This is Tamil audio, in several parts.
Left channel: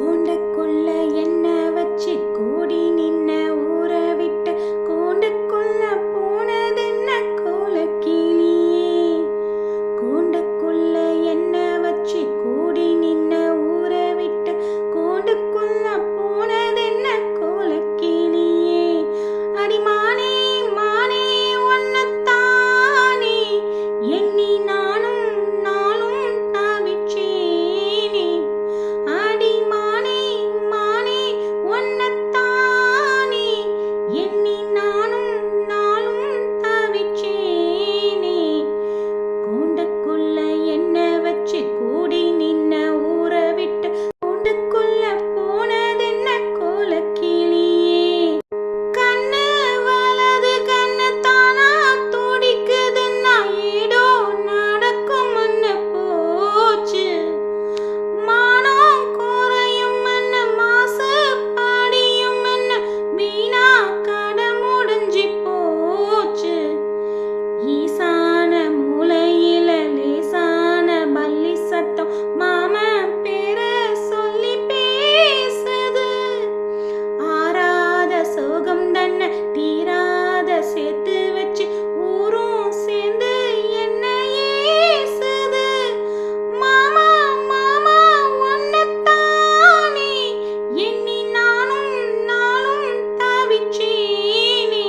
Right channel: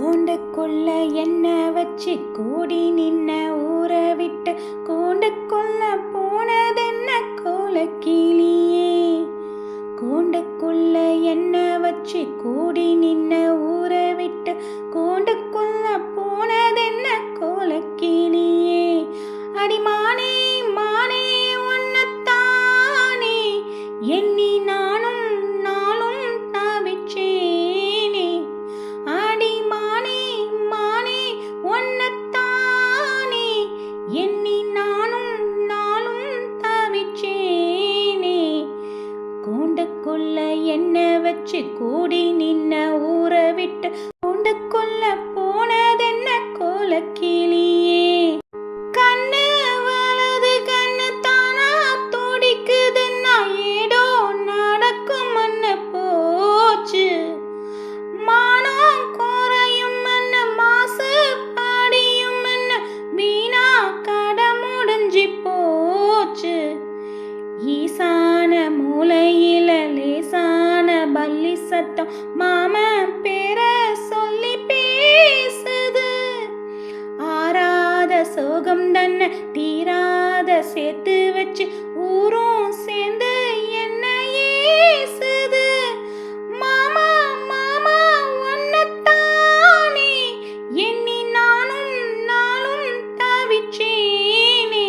கூண்டுக்குள்ள என்ன வச்சு கூடி நின்ன ஊற விட்டு கூண்டுக்குள்ள போனதென்ன கோலக்கிளியே. கூண்டுக்குள்ள என்ன வச்சு கூடி நின்ன ஊற விட்டு கூண்டுக்குள்ள போனதென்ன கோலக்கிளியே. அடிமானே மானே ஒன்னத்தானே எண்ணி நானும் நாளும் தவிச்சேனே. அடிமானே மானே ஒன்னத்தானே எண்ணி நானும் நாளும் தவிச்சேனே. கூண்டுக்குள்ள என்ன வச்சு கூடி நின்ன ஊற விட்டு கூண்டுக்குள்ள போனதென்ன கோலக்கிளியே. கண்ணு வலது கண்ணு தானா துடிக்குதுன்னா ஏடோ நடக்கும்னு போச்சு. மானம் குறையும்னு மாசு பாடியும்னு வீணா கட முடிஞ்சு போச்சு. ஈசான மூலையில லேசான பல்லி சத்தம் மாமன் பேர சொல்லி பேசுது. ஆறாத சோகம் தன்னை தீராத சேர்த்து வச்சு ஊரும் சேர்ந்து என்ன ஏசுது. மாமா மாமா ஒன்னத்தானே எண்ணி நானும் நாளும் தவிச்சேனே.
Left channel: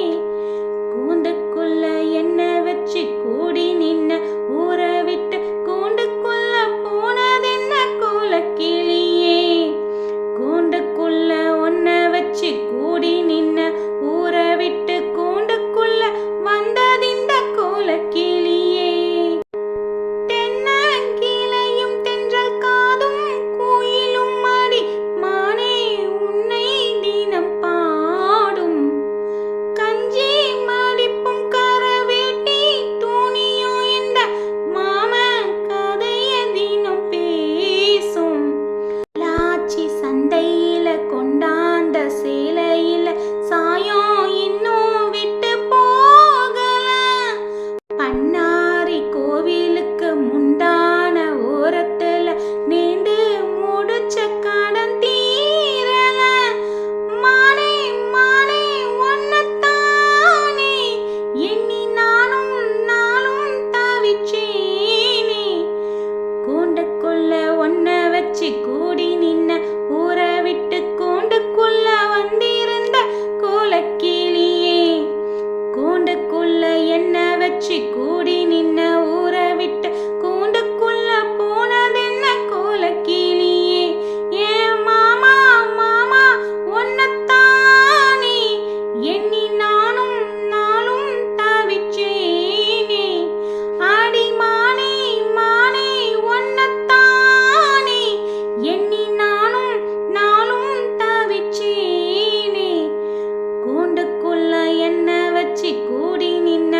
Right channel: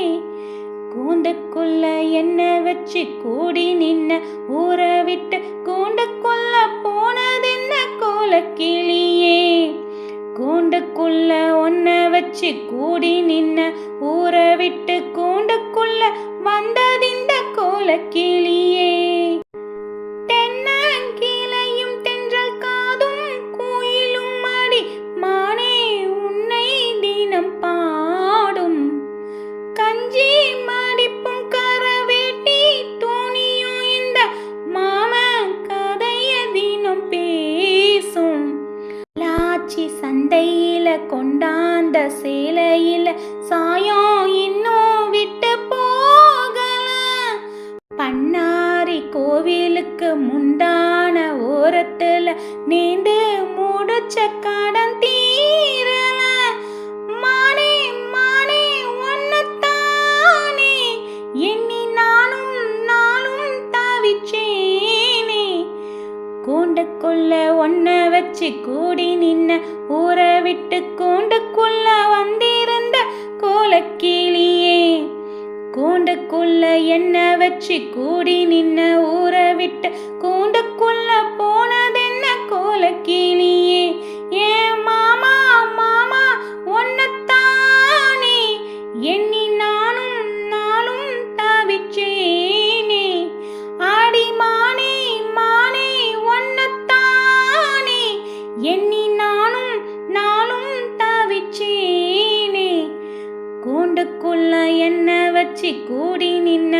கூண்டுக்குள்ள என்ன வச்சு கூடி நின்ன ஊற விட்டு கூண்டுக்குள்ள போனதென்ன கோலக்கிளியே. கூண்டுக்குள்ள ஒன்ன வச்சு கூடி நின்ன ஊற விட்டு கூண்டுக்குள்ள வந்ததிந்த கோலக்கிளியே. தென்னங்கிளையும் தென்றல் காதும் குயிலும் அடி மானே உன்னை தினம் பாடும். கஞ்சி மடிப்பும் கரவேட்டி துணியும் இந்த மாமன் கதைய தினம் பேசும். லாச்சி சந்தையில கொண்டாந்த சேலையில சாயம் இன்னும் விட்டு போகல. பண்ணாரி கோவிலுக்கு முந்தான ஓரத்துல நீண்டு முடிச்ச கடன் தீரல. மானே மானே ஒன்னத்தானே எண்ணி நானும் நாளும் தவிச்சேனே. கூண்டுக்குள்ள ஒன்ன வச்சு கூடி நின்ன ஊற விட்டு கூண்டுக்குள்ள வந்திருந்த கோலக்கிளியே. கூண்டுக்குள்ள என்ன வச்சு கூடி நின்ன ஊற விட்டு கூண்டுக்குள்ள போனதென்ன கோலக்கிளியே. ஏன் மாமா மாமா ஒன்னத்தானே எண்ணி நானும் நாளும் தவிச்சேனே. அடிமானே மானே ஒன்னத்தானே எண்ணி நானும் நாளும் தவிச்சேனே. கூண்டுக்குள்ள என்ன வச்சு கூடி நின்ன